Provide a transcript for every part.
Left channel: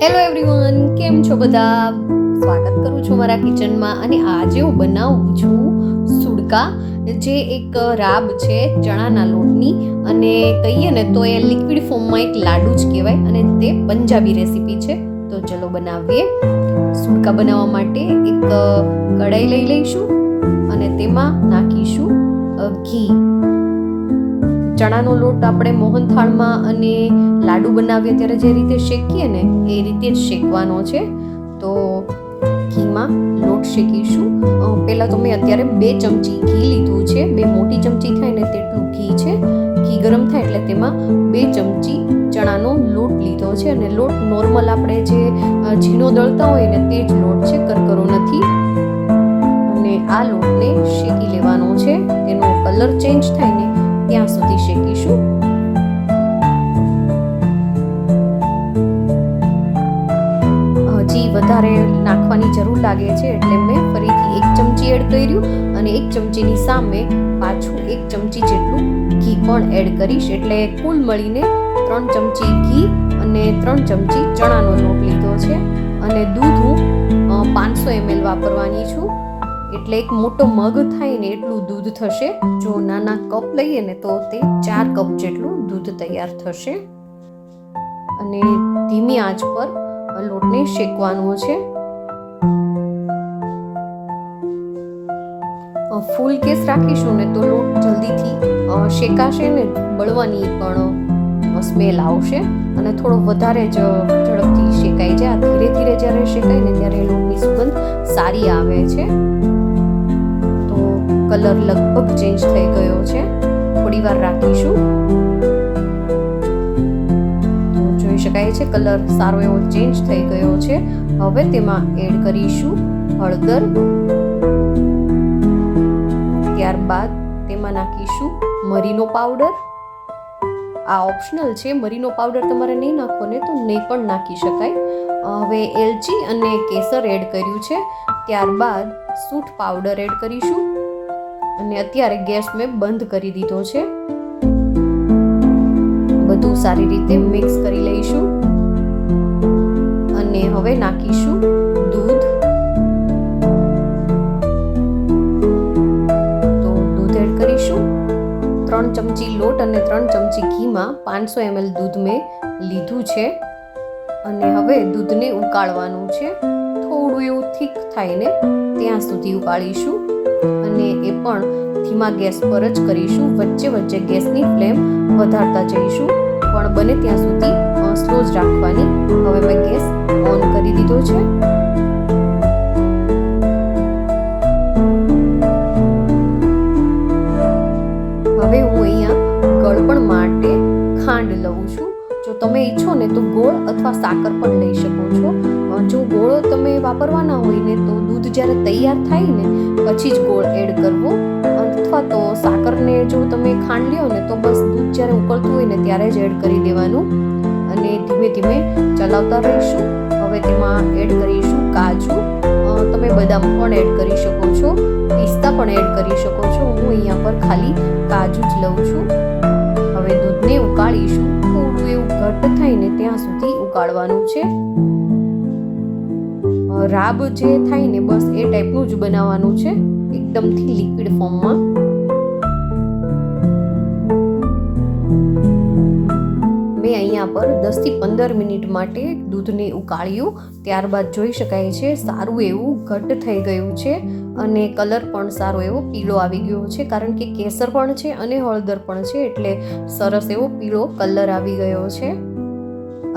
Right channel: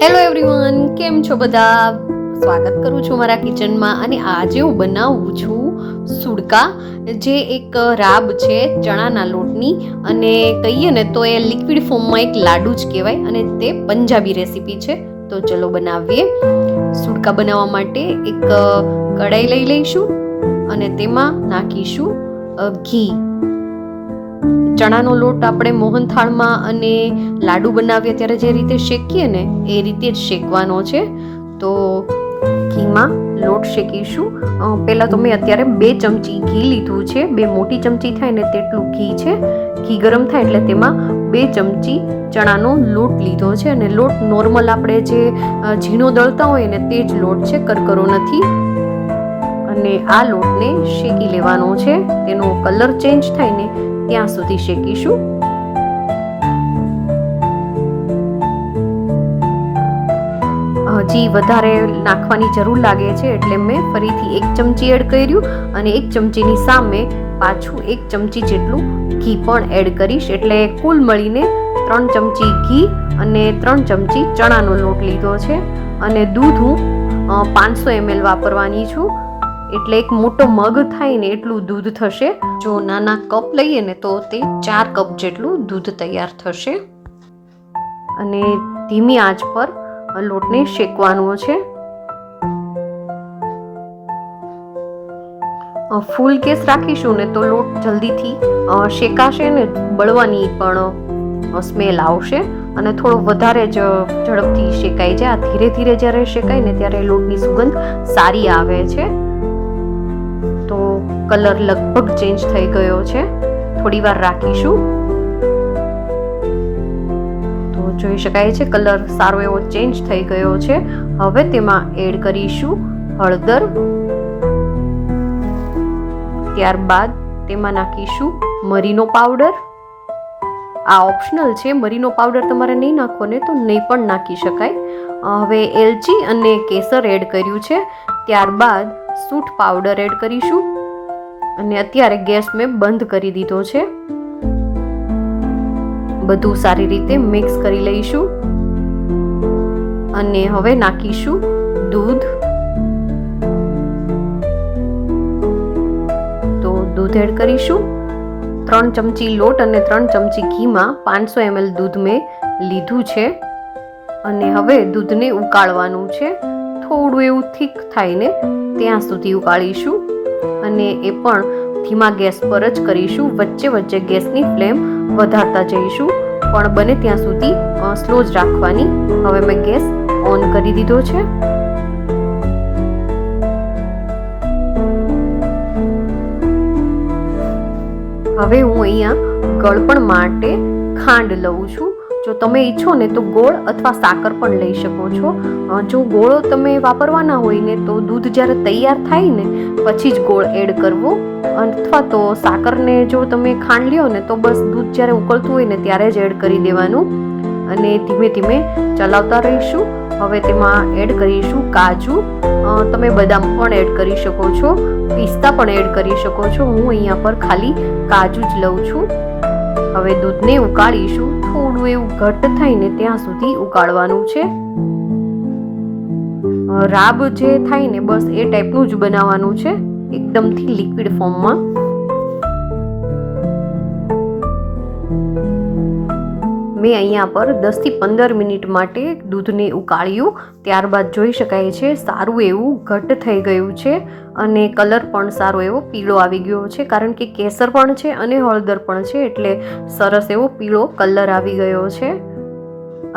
Hello everyone, કેમ છો બધા? સ્વાગત કરું છું મારા કિચનમાં. અને આજે હું બનાવું છું સુડકા, જે એક રાબ છે ચણાના લોટની, અને કહીએ ને તો એ લિક્વિડ ફોર્મમાં એક લાડુ જ કહેવાય, અને તે પંજાબી રેસીપી છે. તો ચલો બનાવીએ. સુડકા બનાવવા માટે એક કઢાઈ લઈ લઈશું અને તેમાં નાખીશું ઘી. ચણાનો લોટ આપણે મોહનથાળમાં અને લાડુ બનાવીએ ત્યારે જે રીતે શેકીએ ને એ રીતે જ શેકવાનો છે. તો ઘીમાં લોટ શેકીશું. પહેલાં તો મેં અત્યારે 2 ચમચી ઘી લીધું છે. 2 મોટી ચમચી થાય ને તેટલું ઘી છે. ઘી ગરમ થાય એટલે તેમાં 2 ચમચી ચણાનો લોટ લીધો છે. અને લોટ નોર્મલ આપણે જે ઝીણો દળતા હોય ને તે જ લોટ છે, કરકરો નથી. અને આ લોટને શેકી લેવાનો છે. તેનો કલર ચેન્જ થાય ને ત્યાં સુધી શેકીશું. હજી વધારે નાખવાની જરૂર લાગે છે એટલે મેં ફરીથી 1 ચમચી એડ કર્યું, અને 1 ચમચીની સામે પાછું 1 ચમચી જેટલું ઘી પણ એડ કરીશ. એટલે કુલ મળીને 3 ચમચી ઘી અને 3 ચમચી ચણાનો લોટ લીધો છે. અને દૂધ હું 500 ml વાપરવાની છું. એટલે એક મોટો મગ થાય ને એટલું દૂધ થશે. જો નાના કપ લઈએ ને તો તે 4 કપ જેટલું દૂધ તૈયાર થશે. અને ધીમી આંચ પર લોટને શેકવાનો છે. ફૂલ ગેસ રાખીશું ને તો લોટ જલ્દીથી શેકાશે ને બળવાની પણ સ્મેલ આવશે, અને થોડો વધારે જ ઝડપથી શેકાઈ જાય. આ ધીરે ધીરે જ્યારે શેકાય ને ત્યારે લોટની સુગંધ સારી આવે છે. તો કલર લગભગ ચેન્જ થઈ ગયો છે. થોડી વાર રાખીશું તો જોઈ શકાય છે કલર સારો એવો ચેન્જ થઈ ગયો છે. હવે તેમાં એડ કરીશું હળદર. ત્યારબાદ તેમાં નાખીશું મરીનો પાવડર. આ ઓપ્શનલ છે, મરીનો પાવડર તમારે નહીં નાખો ને તો નહીં પણ નાખી શકાય. હવે એલચી અને કેસર એડ કર્યું છે. ત્યારબાદ સૂંઠ પાવડર એડ કરીશું. અને અત્યારે ગેસ મેં બંધ કરી દીધો છે. બધું સારી રીતે મિક્સ કરી લઈશું. અને હવે નાખીશું દૂધ. તો દૂધ એડ કરીશું. 3 ચમચી લોટ અને 3 ચમચી ઘીમાં 500 ml દૂધ મેં લીધું છે. અને હવે દૂધને ઉકાળવાનું છે. થોડું એવું થીક થાય ને ત્યાં સુધી ઉકાળીશું. અને એ પણ ધીમા ગેસ પર જ કરીશું. વચ્ચે વચ્ચે ગેસની ફ્લેમ વધારતા જઈશું, પણ બને ત્યાં સુધી સ્લો જ રાખવાની. હવે મેં ગેસ ઓન કરી દીધો છે. હવે હું અહીંયા ગળપણ માટે ખાંડ લઉં છું. જો તમે ઈચ્છો ને તો ગોળ અથવા સાકર પણ લઈ શકો છો. જો ગોળ તમે વાપરવાના હોય ને તો દૂધ જ્યારે તૈયાર થાય ને પછી જ ગોળ એડ કરવો, અથવા તો સાકરને જો તમે ખાંડ લ્યો ને તો બસ દૂધ જ્યારે ઉકળતું હોય ને ત્યારે જ એડ કરી દેવાનું. અને ધીમે ધીમે ચલાવતા રહીશું. હવે તેમાં એડ કરીશું કાજુ. તમે બદામ પણ એડ કરી શકો છો, પિસ્તા પણ એડ કરી શકો છો. હું અહીંયા પર ખાલી કાજુ જ લઉં છું. હવે દૂધને ઉકાળીશું. થોડું એવું ઘટ્ટ થાય ને ત્યાં સુધી ઉકાળવાનું છે. રાબ જે થાય ને બસ એ ટાઈપનું જ બનાવવાનું છે, એકદમથી લિક્વિડ ફોર્મમાં. મેં અહીંયા પર 10 થી 15 મિનિટ માટે દૂધને ઉકાળ્યું. ત્યારબાદ જોઈ શકાય છે સારું એવું ઘટ્ટ થઈ ગયું છે. અને કલર પણ સારો એવો પીળો આવી ગયો છે, કારણ કે કેસર પણ છે અને હળદર પણ છે, એટલે સરસ એવો પીળો કલર આવી ગયો છે.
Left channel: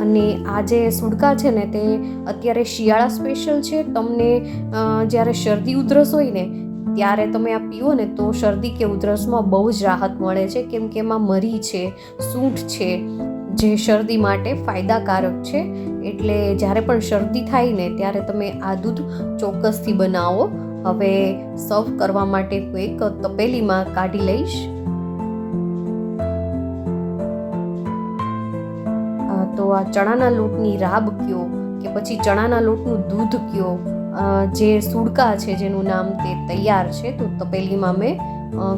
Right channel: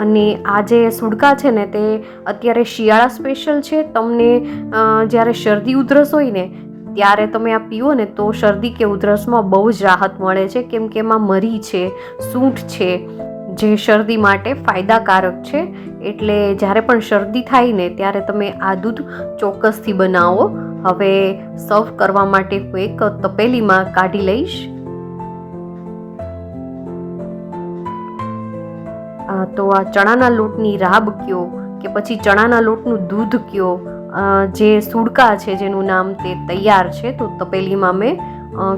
અને આ જે સુડકા છે ને તે અત્યારે શિયાળા સ્પેશિયલ છે. તમને જ્યારે શરદી ઉધરસ હોય ને ત્યારે તમે આ પીવો ને તો શરદી કે ઉધરસમાં બહુ જ રાહત મળે છે, કેમ કે એમાં મરી છે, સૂંઠ છે, જે શરદી માટે ફાયદાકારક છે. એટલે જ્યારે પણ શરદી થાય ને ત્યારે તમે આ દૂધ ચોક્કસથી બનાવો. હવે સર્વ કરવા માટે હું એક તપેલીમાં કાઢી લઈશ. તો આ ચણાના લોટની રાબ કયો કે પછી ચણાના લોટનું દૂધ કયો, જે સુડકા છે જેનું નામ તે તૈયાર છે. તો તપેલીમાં મેં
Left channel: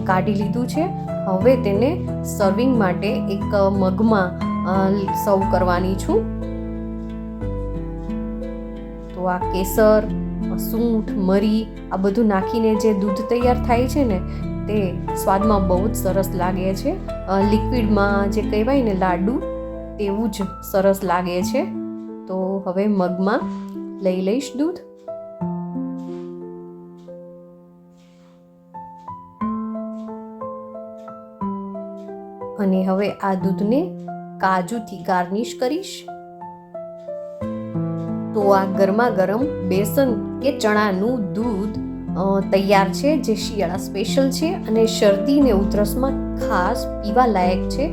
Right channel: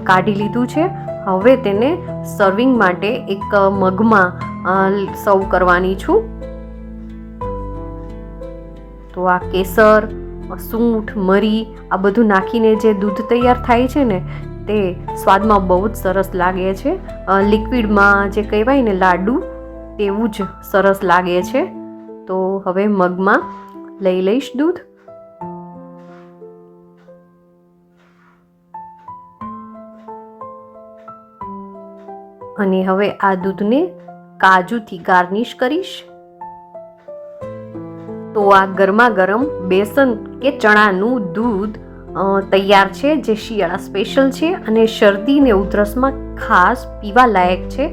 કાઢી લીધું છે. હવે તેને સર્વિંગ માટે એક મગમાં સર્વ કરવાની છું. તો આ કેસર, સૂંઠ, મરી આ બધું નાખીને જે દૂધ તૈયાર થાય છે ને તે સ્વાદમાં બહુ જ સરસ લાગે છે. લિક્વિડમાં જે કહેવાય ને લાડુ તેવું જ સરસ લાગે છે. તો હવે મગમાં લઈ લઈશ દૂધ. અને હવે આ દૂધને કાજુથી ગાર્નિશ કરીશ. તો આ ગરમા ગરમ બેસન કે ચણાનું દૂધ તૈયાર છે, જે શિયાળા સ્પેશિયલ છે અને શરદી ને ઉધરસમાં ખાસ પીવા લાયક છે.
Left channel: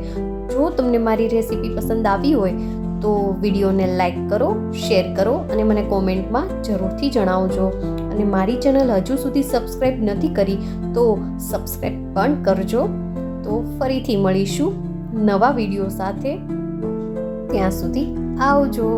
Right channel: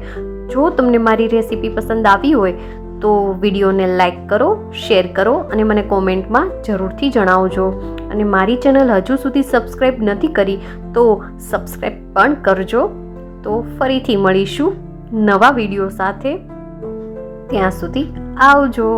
જો તમને મારી રેસીપી પસંદ આવી હોય તો વિડીયોને લાઈક કરો, શેર કરો અને મને કોમેન્ટમાં જરૂરથી જણાવજો. અને મારી ચેનલ હજુ સુધી સબસ્ક્રાઈબ નથી કરી તો સબસ્ક્રાઈબ પણ કરજો. તો ફરીથી મળીશું નવા વિડીયો સાથે. ત્યાં સુધી આવજો.